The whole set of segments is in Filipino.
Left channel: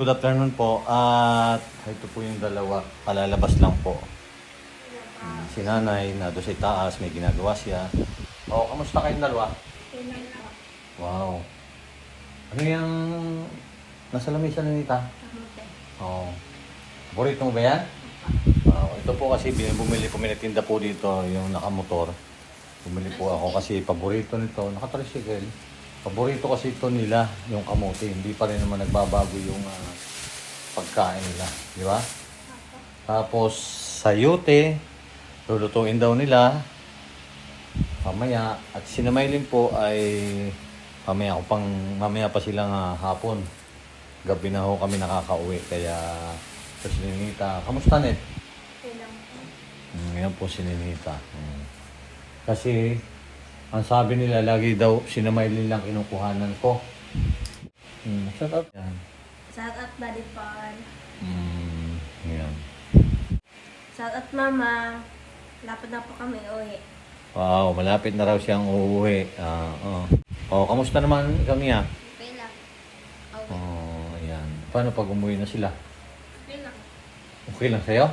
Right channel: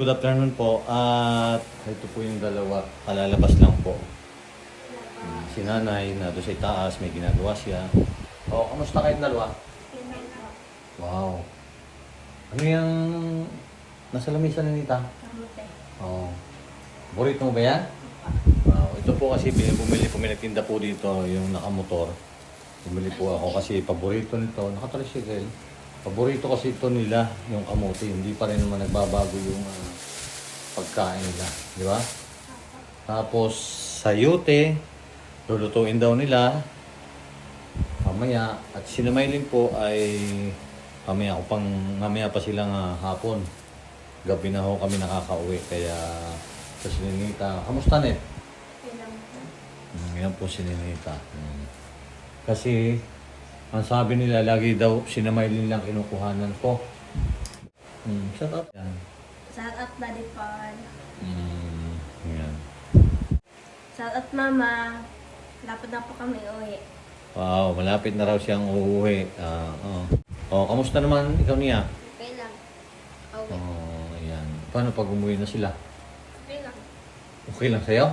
Good afternoon po. At ito po yung dalawa. Palalabas lang po. Hmm, Si nanay na doon sa itaas, may ginagawa siya. O, kamusta kayong dalawa? Wow. Ano yung nasa lamisa na nita? Kamuti. Oo. Burrito mo ba yan? Ah, ito po kasi bumili may nagtinda po dito yung nakamotor. Bumili po ako kasi paborito nito, nakatricycle. Paborito kasi ito nila, yung kamote. Hindi pa rin naman nagbabago yung ah, pagkain nila. Di ba? Tapos sayote, lulutuin daw nila. Mamaya, at sinamaylin po ay mamaya ko pang mamaya pa sila nga hapon. Gabi na ho kami nakakauwi kaya kasi Ninita, kamusta net? Kailan po? Mm, yan po si Ninita. Kasi ang sabi nila lagi daw sinamaylin lang kinukuhanan ko. Mm, shout out. Yan. Shout out Daddy Paul. Mm, yan. Shout out Mama. Lapad na po kami uwi. Wow, malapit na raw siyang uuwi. Ah, oh. oh, kamusta naman ikaw niya? Okay lang. Oh, yan. Paano pag umuwi na sila? Okay lang. Okay lang sa'yo?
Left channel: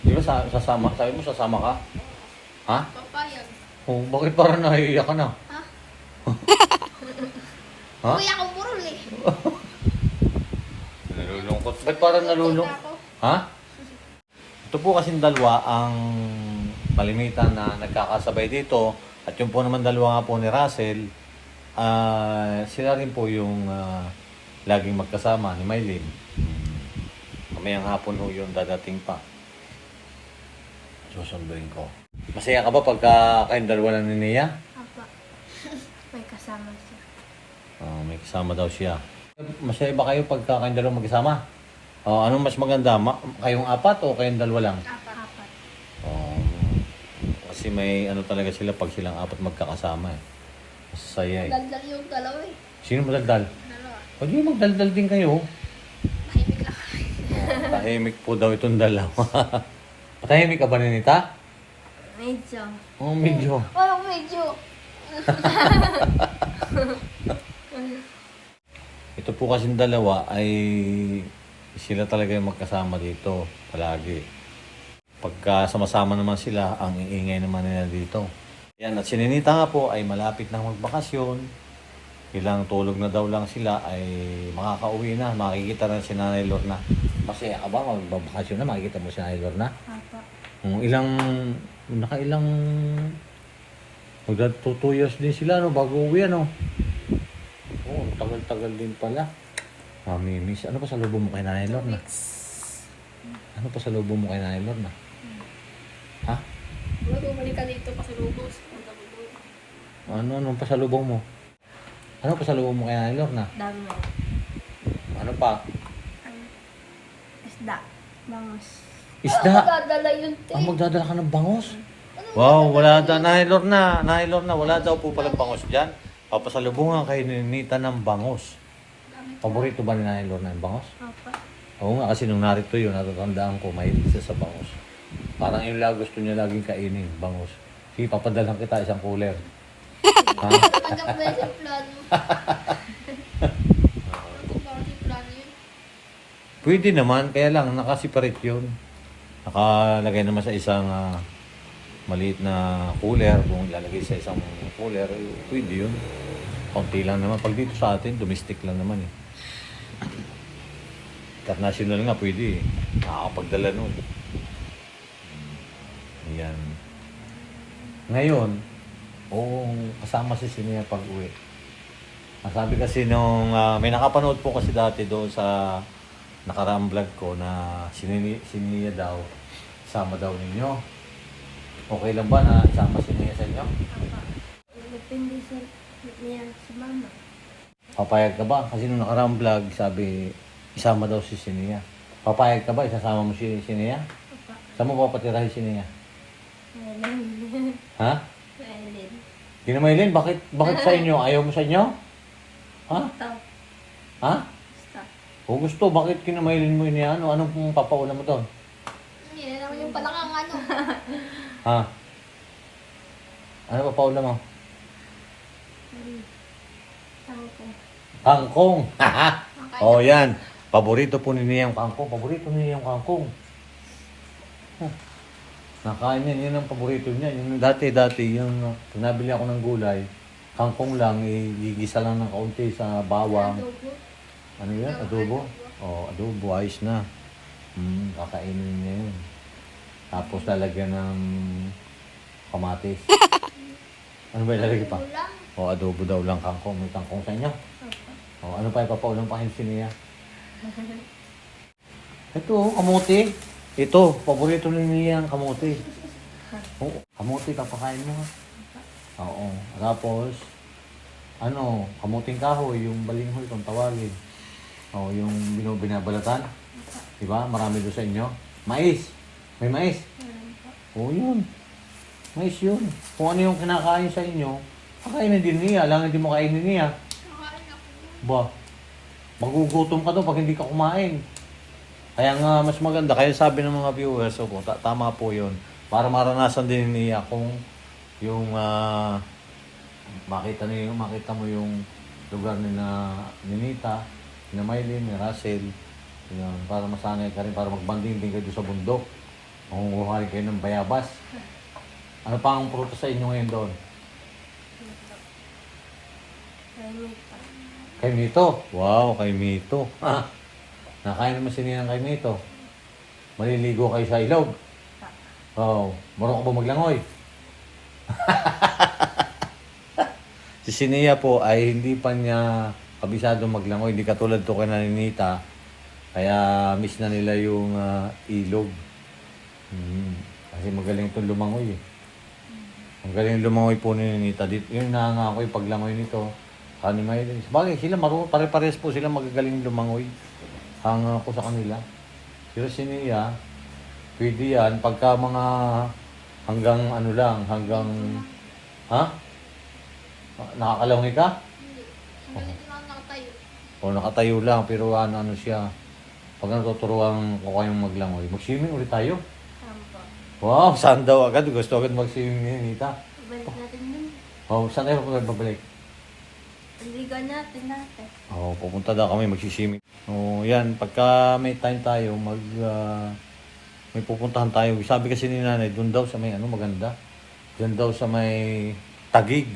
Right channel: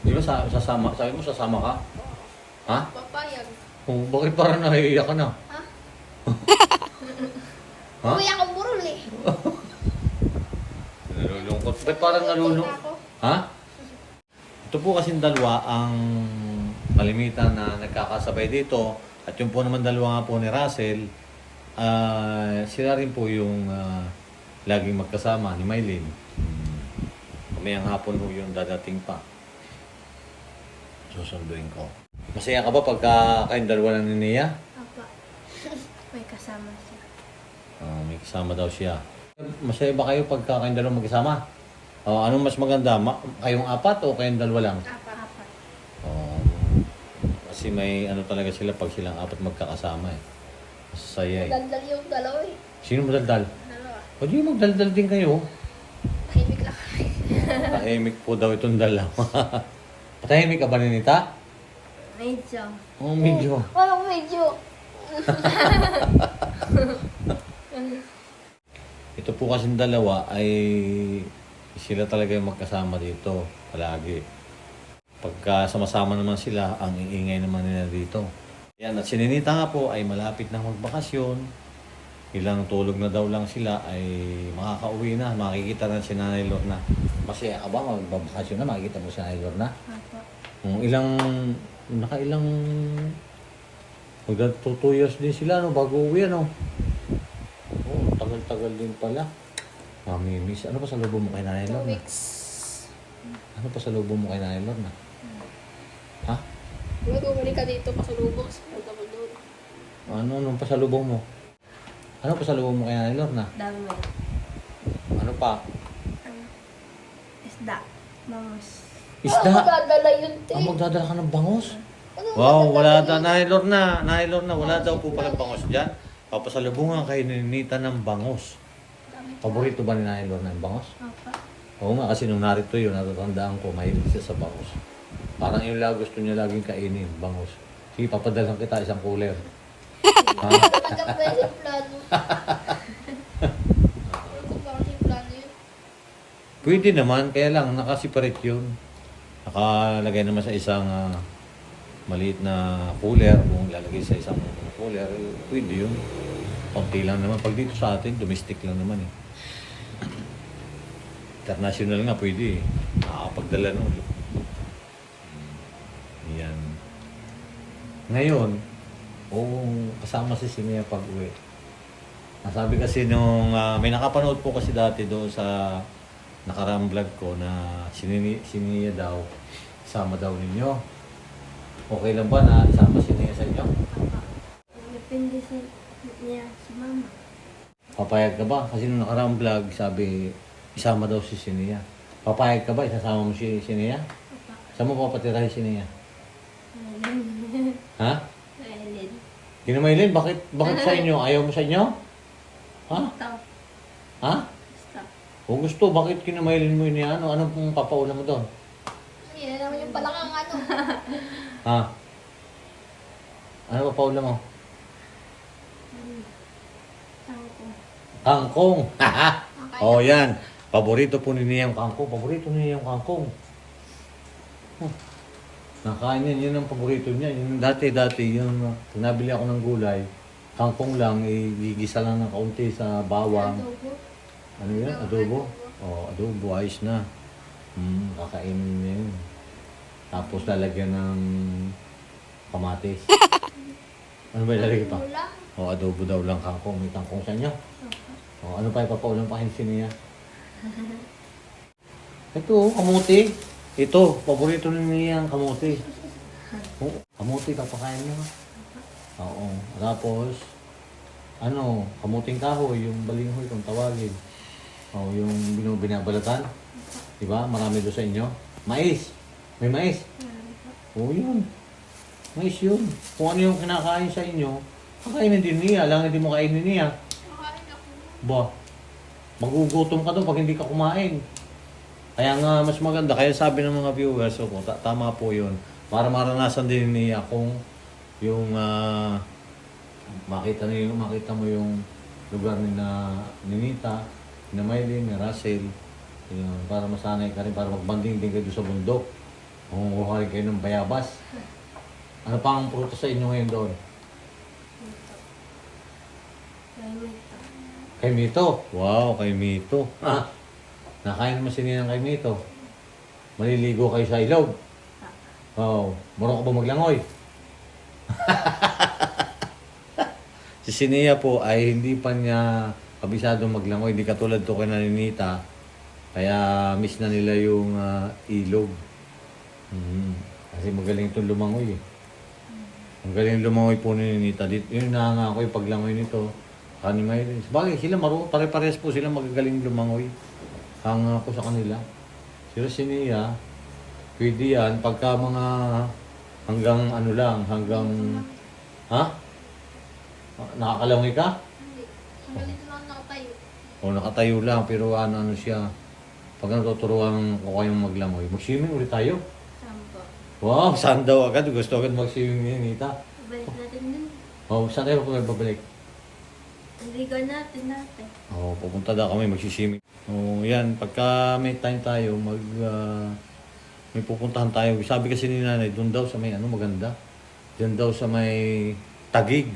Di ba sa, sasama, sabi mo sasama ka? Ha? Papayag. Oh, bakit parang nahiiyak ka na? Ha? Ha? Uwi akong burol eh. Nalulungkot. Ba't parang nalulungkot? Ha? Ito po kasing dalawa ang malimitan na nagkakasabay dito. At yung po naman dalawa nga po ni Russell, ah sila rin po yung ah, laging magkasama ni Mylene. Hmm. Kamayang hapon ho yung dadating pa. Susunduin ko. Masaya ka ba pagka kayong dalawa lang ni Nia? Apa. May kasama siya. Oh, may kasama daw siya. Masaya ba kayo pagka kayong dalawa magkasama? Oh, anong mas maganda? Ma- kayong apat o kayong dalawa lang? Apa. Apat. Oh, kasi may ano talaga sila pag silang apat magkakasama eh. Masaya eh. Daldal yung dalawa eh. Sino magdaldal? Dalawa. O di magdaldal din kayo. Tahimik lang. Tahimik po daw itong dalawa. Patahimik ka ba Ninita? Medyo. Oh, medyo. Oh, medyo. Ito po kasing dalawa ay sila talaga yung magkasama dito palagi. Pagka sama-sama naman sila, ang iingay naman nila dito. Yan, at sininita nga po ay malapit na magbakasyon. Ilang tulog na daw lang sila ay makakauwi na. Makikita na si Nanay Lorna. Masaya ka ba magbabakasyon na? Makikita mo si Nanay Lorna? Apa. Kung ilang, nakailang, magda 2 years din sila no, bago uwi ano. Oh, tagal-tagal din pala. Mami, miss, ano pa sa lubong mo kay Nanay Two Lorna? weeks. Ano pa sa lubong mo kay Nanay Lorna? Ha? Wala bumalik ka dito pasalubong. Punta mo doon. Ano nung pasalubong mo? Ano pasalubong mo kay Nanay Lorna? Dami mo. Ano pa? Isda. Bangos. Isda! Dadala yun, Ang magdadala ka ng bangos? Wow, wala daw, Nanay Lorna, Nanay Lorna, wala daw po palang bangos dyan. Papasalubungan kay Nita ng bangos. Paborito ba ni Nanay Lorna ng bangos? Apa. Oo nga, kasi nung narito yun, natatandaan ko, mahilig siya sa bangos. Parang yung lang gusto niya laging kainin, bangos. Sige, papadalang kita isang cooler. Magandang ba yung plano? Magandang ba yung plano yun? Pwede naman, kaya lang, nakasiparate yun. Nakalagay naman sa isang ah, maliit na cooler, kung ilalagay sa isang cooler, eh, pwede yun. Kunti lang naman. Pag dito sa atin, domestic lang naman eh. International nga, pwede eh. Nakakapagdala nun. Hmm. Yan. Ngayon, oo, kasama si Sinia pag uwi. Ang sabi kasi nung, ah, may nakapanood po kasi dati doon sa nakaraang vlog ko na sinini, siniya daw, sama daw ninyo. Okay lang ba na isama si Nia sa inyo? Depende sa niya si mama. Papayag ka ba? Kasi nung nakaraang vlog, sabi, isama daw si Sinia. Papayag ka ba? Isasama mo si Sinia? Apa. Saan mo papatirahin si Nia? Island. Ha? Island. Kinamaylin, bakit, bakit sa inyo? Ayaw mo sa inyo? Ha? Stop. Kung gusto, bakit kinamaylin mo yun yan? Ano, ano pong papauna mo doon? Yan naman yung palakang ano. Ha? Ano papauna mo? Sangko. Kangkong. oh, yan. Paborito po ni Nia yung kangkong. Paborito ni Nia yung kangkong. Huh. Nakain niya, yun ang paborito niya. Yung dati-dati, yung pinabili ako ng gulay, kangkong lang, igigisa lang ng kaunti sa bawang. Adobo. Ano yan? Adobo? Oh, adobo, ayos na. Hmm, kakainin niya yun. Tapos lalagyan ng kamatis. ano ba ilalagay pa? O, adobo daw lang kangkong. May kangkong sa inyo. O, ano pa ipapaulang pa kayo niya? Ito, oh, kamuti. Ito, paborito ni niya ang kamuti. Oh, kamuti, papakain mo. ha? Oo. Tapos, ano, kamuting kahoy, yung balinghoy kung tawagin. O, yung binu- binabalatan. Diba? Marami doon sa inyo. Mais. May mais. Oo, yun. Mais yun. Kung ano yung kinakain sa inyo, kakainin din niya. Lang hindi mo kainin niya. Kakain ako. Ba, magugutom ka doon pag hindi ka kumain. Kaya nga, mas maganda. Kaya sabi ng mga viewers, so, ta- tama po yun. Para maranasan din niya kung yung ah, makita niyo, makita mo yung lugar ni na Ninita, Maylin, ni Russell. Yun, para masanay ka rin, para magbanding din kayo sa bundok. Kung kukuhain kayo ng bayabas. Ano pa ang prutas sa inyo ngayon doon? Ito. Kaya Kay Mito. Wow, kay Mito. Ah, nakain naman si Ninang kay Mito. Maliligo kayo sa ilog. Oh, marunong ka ba maglangoy? si Sinia po ay hindi pa niya kabisado maglangoy. Hindi katulad to kay Naninita. Kaya miss na nila yung ah, ilog. Hmm. Kasi magaling itong lumangoy eh. Ang galing lumangoy po ni Ninita. Dito, yun na nga ako yung paglangoy nito. Kani Maylin. Bagay, sila marunong, pare-pares po sila magagaling lumangoy. Hanga ko sa kanila. Pero si Nia, pwede yan. Pagka mga hanggang ano lang, hanggang... Ha? Nakakalangoy ka? Hindi. Hanggang. O nakatayo lang, pero ano-ano siya. Pag natuturuan ko kayong maglangoy, mag-swimming ulit tayo. Sampo. Wow, saan daw agad? Gusto agad mag-swimming ni Nita. Balik natin dun. Oh, saan tayo babalik? Naligo natin natin. Oo, pupunta daw kami magsiswimming. Oo, yan. Pagka may time tayo, mag... ah, may pupuntahan tayo. Sabi kasi ni nanay, doon daw sa may ano maganda. Doon daw sa may tagig.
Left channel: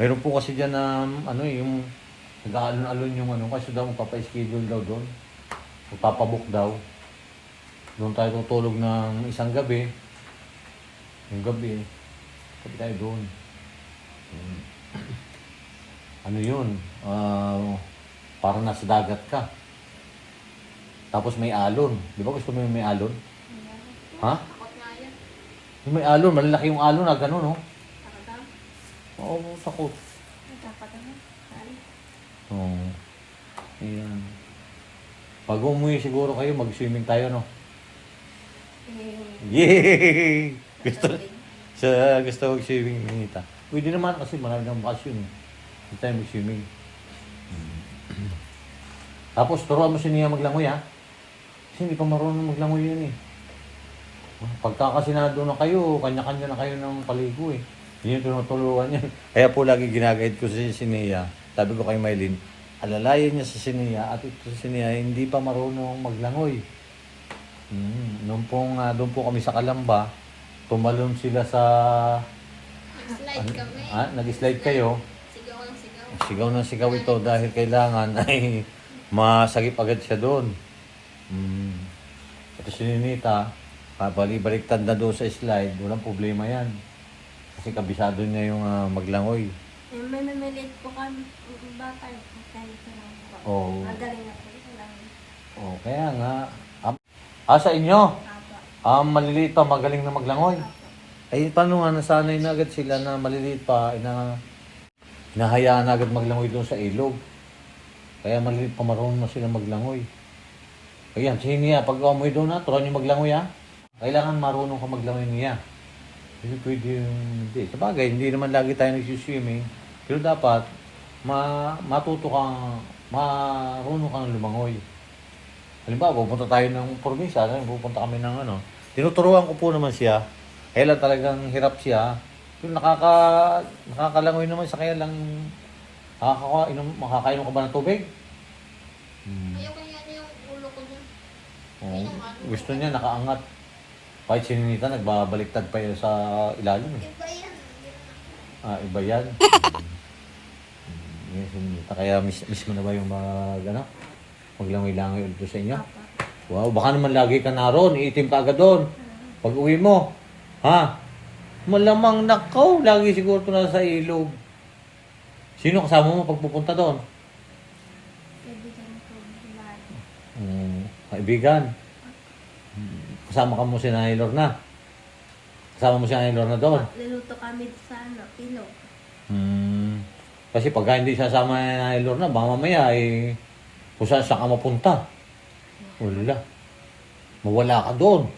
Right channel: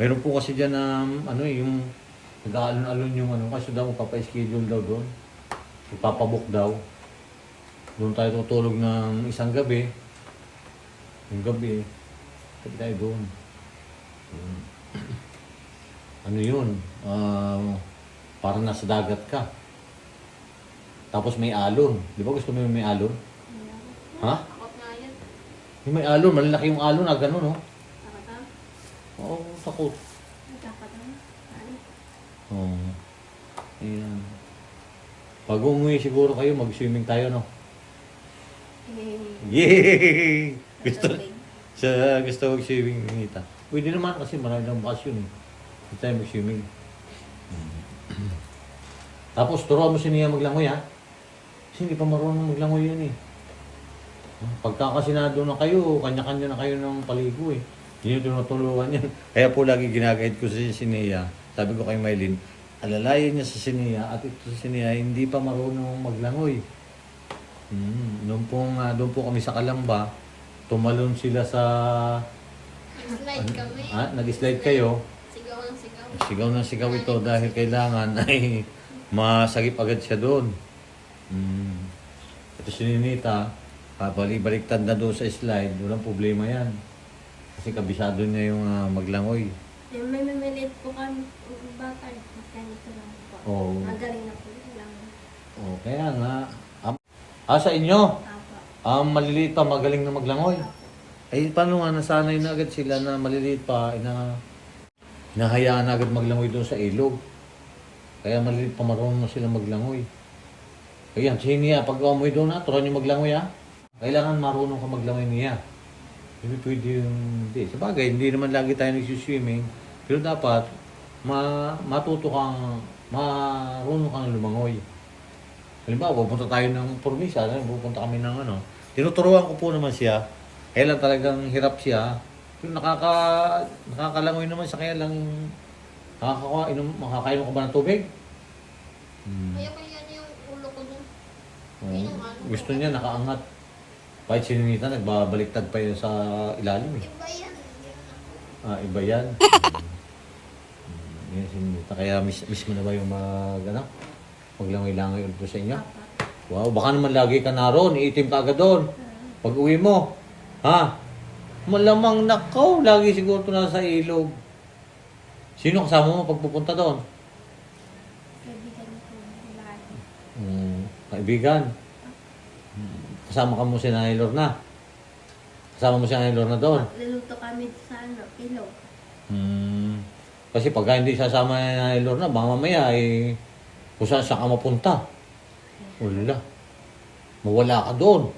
Meron po kasi dyan na ano eh, yung nag-aalon-alon yung ano. Kasi daw magpapa-schedule daw doon. Magpapabook daw. Doon tayo tutulog ng isang gabi. Yung gabi, sabi tayo doon. Ano yun, ah, parang nasa dagat ka. Tapos may alon. Di ba gusto mo yung may alon? Ha? Takot nga yan. Yung may alon, malalaki yung alon na gano'n, no? Takot ang. Oo, takot. Takot ang. Oo. Ayan. Pag umuwi siguro kayo, mag-swimming tayo, no? Yay! Gusto, sa gusto mag-swimming, Nita. Pwede naman kasi marami ng bakasyon, eh. Hindi tayo mag-swimming. Tapos, turuan mo si Nia maglangoy, ha? Kasi hindi pa marunong maglangoy yun, eh. Pagka kasi na doon na kayo, kanya-kanya na kayo ng paligo, eh. Hindi nyo tinutulungan yan. Kaya po lagi ginagayad ko si Sinia. Sabi ko kay Maylin, alalayan niya si Sinia at ito si Sinia hindi pa marunong maglangoy. Mm, noon pong, ah, doon po kami sa Kalamba, tumalon sila sa... Slide kami. Ah, nag-slide kayo. Sigaw ng sigaw. Sigaw ng sigaw ito dahil kailangan ay masagip agad siya doon. Mm. Ito si Ninita, balik-baliktad na doon sa slide, walang problema yan. Kasi kabisado niya yung ah, maglangoy. Eh, may mamilit po kami. ang Bata. Ganito lang po. Oo. Magaling na po. Alam. Oh, kaya nga. am- Ah, sa inyo? Apa. Ah, maliliit pa, magaling na maglangoy. Ay, paano nga, nasanay na agad sila na maliliit pa, na nahayaan na agad maglangoy doon sa ilog. Kaya maliliit pa marunong na sila maglangoy. Ayan, si niya, pag umuwi doon na, turuan niyo maglangoy ha. Kailangan marunong ka maglangoy niya. Hindi pwede yung, hindi. Sa bagay, hindi naman lagi tayo nagsiswimming. Pero dapat, ma matuto kang, marunong kang lumangoy. Halimbawa, pupunta tayo ng ano, pupunta kami ng ano. Tinuturuan ko po naman siya. Kaya lang talagang hirap siya. Yung nakaka, nakakalangoy naman sa kaya lang Nakakawa, inom, makakainom ka ba ng tubig? Hmm. Ayoko yan yung ulo ko dun. Oo. gusto niya nakaangat. Kahit si Ninita, nagbabaliktad pa yun sa ilalim eh. Iba yan. Ah, iba yan. Hmm, Yan si Ninita. Kaya miss, miss mo na ba yung mga, ano? Maglangilangi ulit sa inyo? Wow, baka naman lagi ka naroon, iitim ka agad doon. Pag uwi mo, ha? Malamang nakaw, lagi siguro ito nasa ilog. Sino kasama mo pag pupunta doon? Kaibigan ko. Bahay. Hmm, kaibigan. Kasama ka mo si Nanay Lorna. Kasama mo si Nanay Lorna doon. Luluto kami sa ano, ilog. Hmm. Kasi pag hindi sasama ni Nanay Lorna, baka mamaya ay kung saan saan ka mapunta. Wala. Mawala ka doon.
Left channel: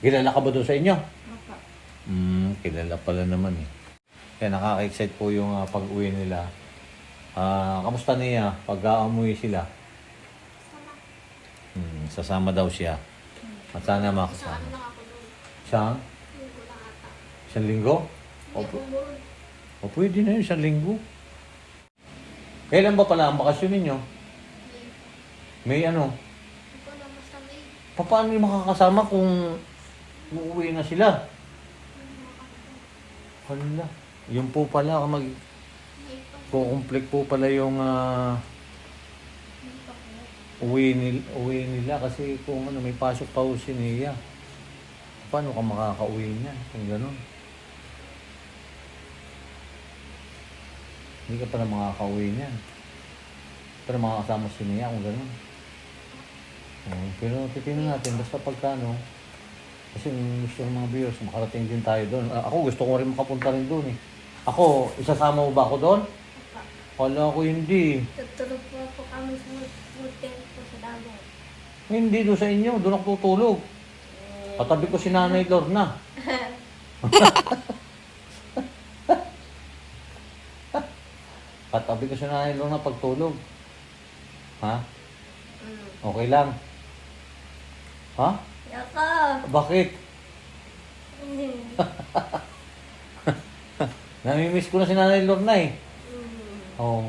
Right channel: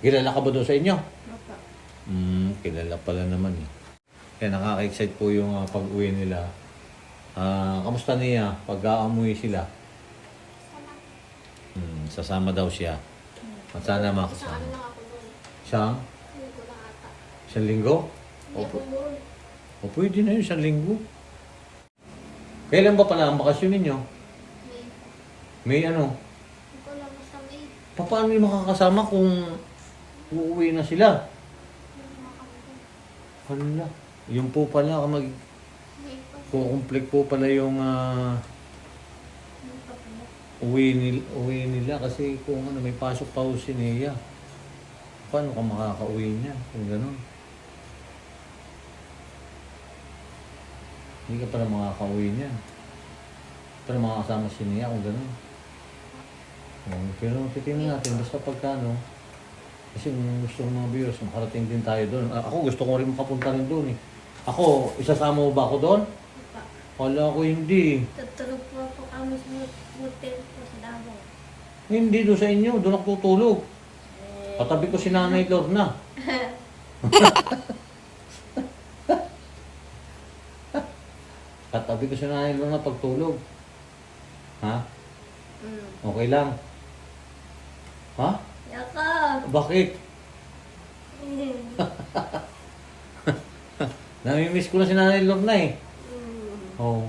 Kilala ka ba doon sa inyo? Hmm, kilala pala naman eh. Kaya nakaka-excite po yung ah, pag-uwi nila. Ah, kamusta niya pag aamuwi sila? Sama. Hmm, sasama daw siya. At sana Sa makasama. lang ako. Siyang Hindi ko lang ata. isang linggo? Doon. O pwede na yun, isang linggo. Kailan ba pala ang bakasyon ninyo? May ano? Hindi ko basta may. Pa- Paano yung makakasama kung uuwi na sila? May mga kanto. Hala. Yun po pala, mag May pa. kukumplek po pala yung ah. Uwi, nil, uwi nila kasi kung ano, may pasok pa ho si Nia. Paano ka makakauwi niya kung gano'n? Hindi ka pala makakauwi niya. Pero makakasama si Nia kung gano'n. Oh, pero titingnan natin, basta pagka ano, kasi yung gusto ng mga viewers, makarating din tayo doon. Ako gusto ko rin makapunta rin doon eh. Ako, isasama mo ba ako doon? Wala ko hindi. Tutulog po po kami sa hotel po sa Davao. Hindi doon sa inyo, doon ako tutulog. Katabi ko si Nanay Lorna. Katabi ko si Nanay Lorna pagtulog. Ha? Mm. Okay lang. Ha? Yaka! Bakit? Namimiss ko na si Nanay Lorna eh. Oo.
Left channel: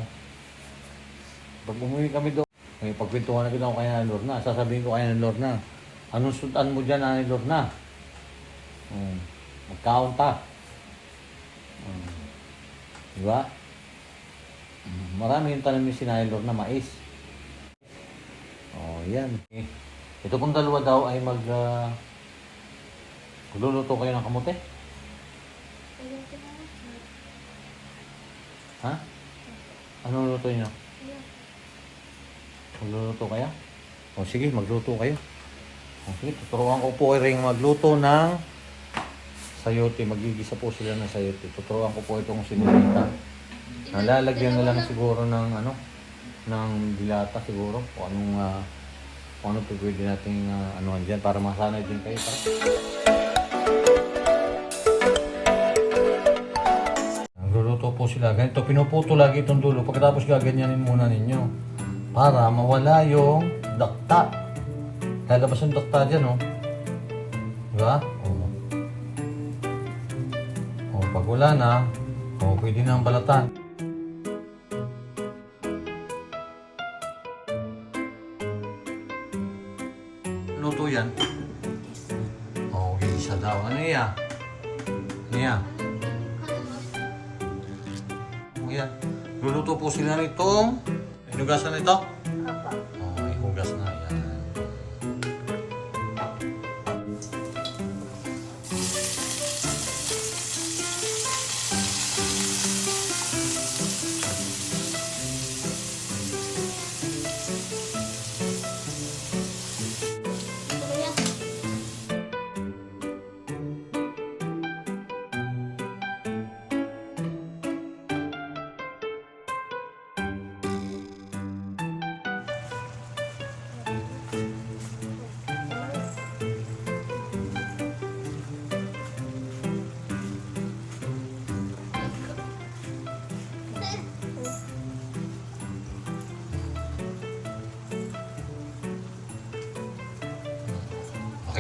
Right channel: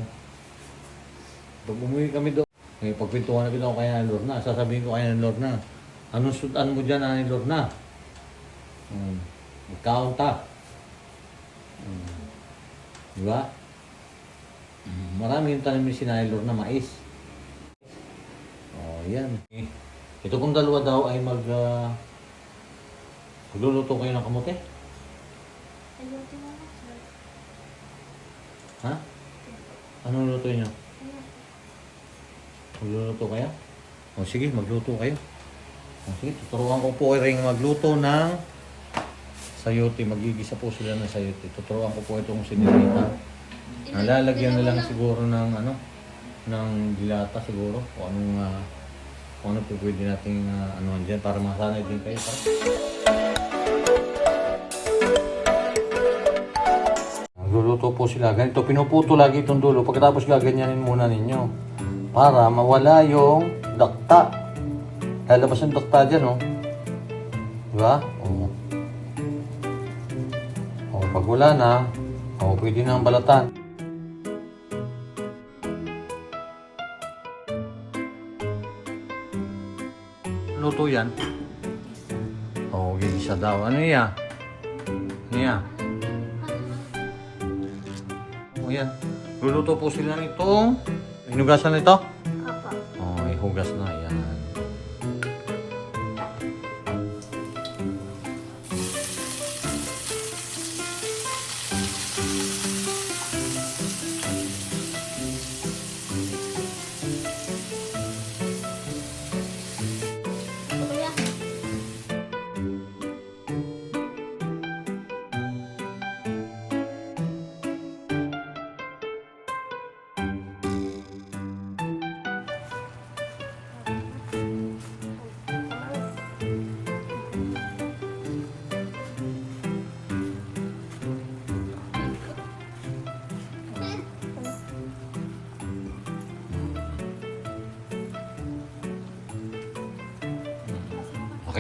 Pag umuwi kami doon, may pagpintuhan na ako kay Nanay Lorna. Sasabihin ko kay Nanay Lorna, anong sudan mo dyan, Nanay Lorna? Um, magkaon ka. Um, di ba? Um, marami yung tanim ni si Nanay Lorna, mais. Oh, yan. Ito pong dalawa daw ay mag... Uh, magluluto kayo ng kamote? Ayoko na sir. Ha? Anong luto niyo? Magluluto kayo? O sige, magluto kayo. O sige, tuturuan ko po rin magluto ng sayote. Magigisa po sila ng sayote. Tuturuan ko po itong sinilita. Nalalagyan na lang siguro ng ano, ng dilata siguro. O anong, ah, kung ano pwede nating uh, ano dyan para masanay din kayo. Para. Sila. Ganito, pinuputo lagi itong dulo. Pagkatapos gaganyanin muna ninyo. Para mawala yung dakta. Lalabas yung dakta dyan, oh. Diba? Oo. Oh, pag wala na, oh, pwede na ang balatan. Luto yan. Oh, isa daw. Ano yan? Ano yan? Luluto po sila nito. Inugasan nito?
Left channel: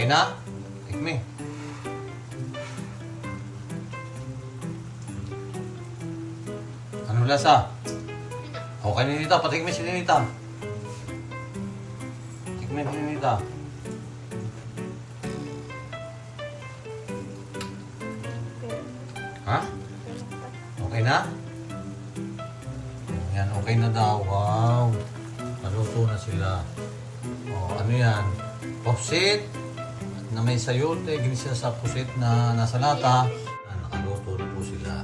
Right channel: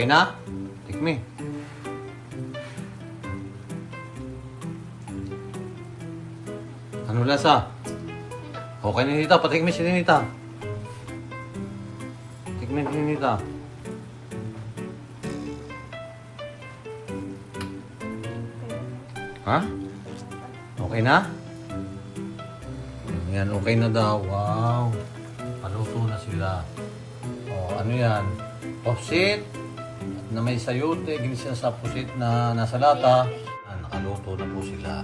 Okay na? Tikmi. Ano lasa? Okay ni Nita, patikmin si Nita. Tikmin si Nita. Ha? Okay na? Ayan, okay na daw. Wow. Paluto na sila. O, ano yan? Popsit. Na may sayote. Ginisa sa pusit na nasa lata. Nakaluto na po sila.